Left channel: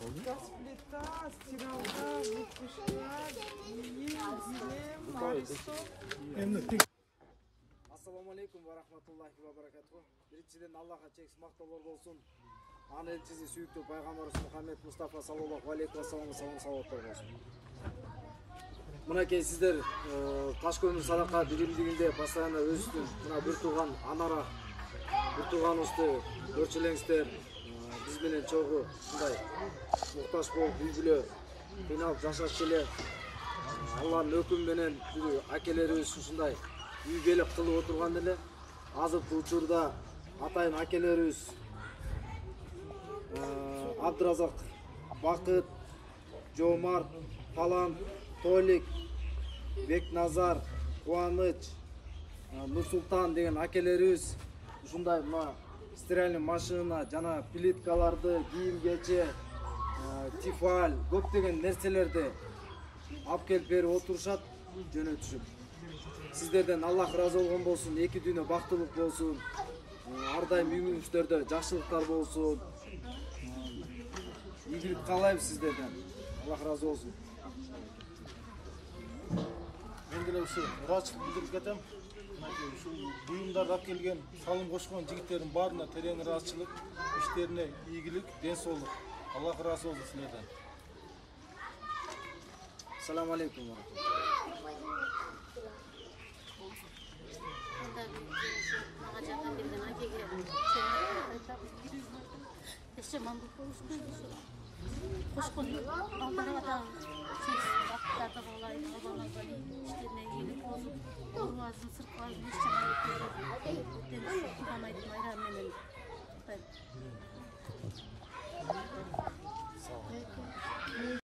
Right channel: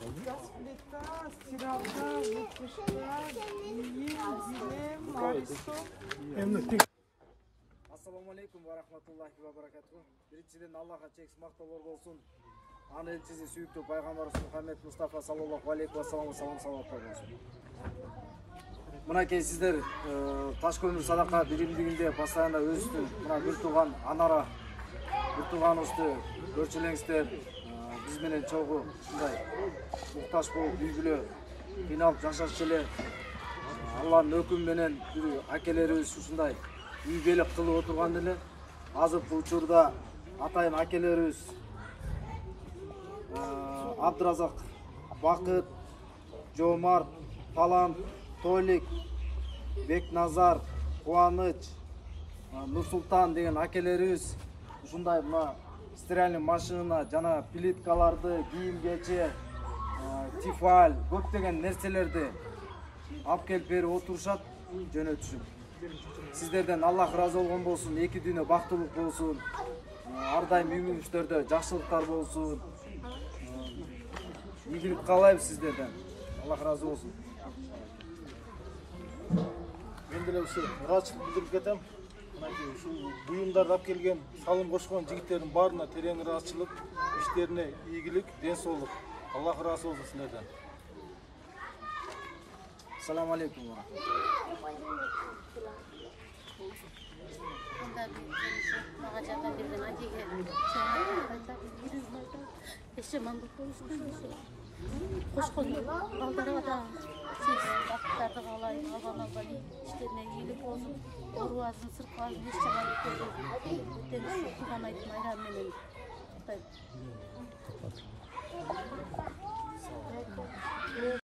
Расплета, стиралка, выпушка, Assalamu alaikum wa rahmatullahi wa barakatuh. Birinciden Allah'a çeksiz maqtalar bolsun. Ana elçisi sүйүктүү пайгамбарыбыз Muhammed Mustafa sallallahu aleyhi ve sellem salavatlar bolsun. Мынакей сиздер таш көмүр садака биримдигинде постоянно өзүбүздүн мына бир тууган анара бир тууганыбызды көрчүлеңиздер. Биз менен чогуу мындай муктаж болуп үй бүлө кыйналып жашашчу эле Алланын өкүмү менен акелерибиз ушундай үйгөлүк кылып отурган эле. Азыркы учурда атайын акелерибиз Абдыразак, Бакыт, Жомарт, Палан, Толик, Бекназар, Кубаныч, Нурсултан деген акелерибиз ушундай мына стиральный машина жана плиткаларды, кийим-кече, тифаль, көптөгөн нерселерди алып келип берип отурушат, жөнөтүшүп. Сиздерден Аллах разы болгон болсун, эки дүйнө бактылык болсун, ар дайым үйүңүздөрдө жакшылыктар болсун. Ийгилик каалайбыз сиздерден. Аллах разы болсун. Мен деле ушу ыраачылык билдирип кетем. Мынакей ушул буюмдарды алып келген, салым кошкон жигиттердин баарына терең ыраачылык, иштерине ийгилик, ден соолук. Аллах разы болсун силерден. Assalamu alaikum. Мага жардам берген акеге эшемандык болушун кошкон балдарга да бактарды каалайм, албан иштерине ийгилик болсун, оорубасын, сыркыбасын, эч жаман өткөрбөйсүн. Тууган айттым айран менен